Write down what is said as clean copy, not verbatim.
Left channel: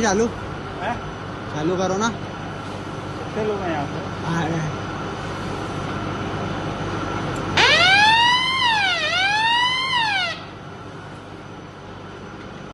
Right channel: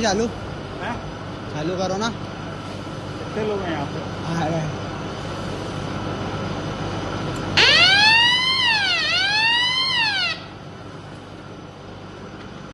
Mummy चालू हैं? चालू करो ना। चलो मैं यहाँ से हाँ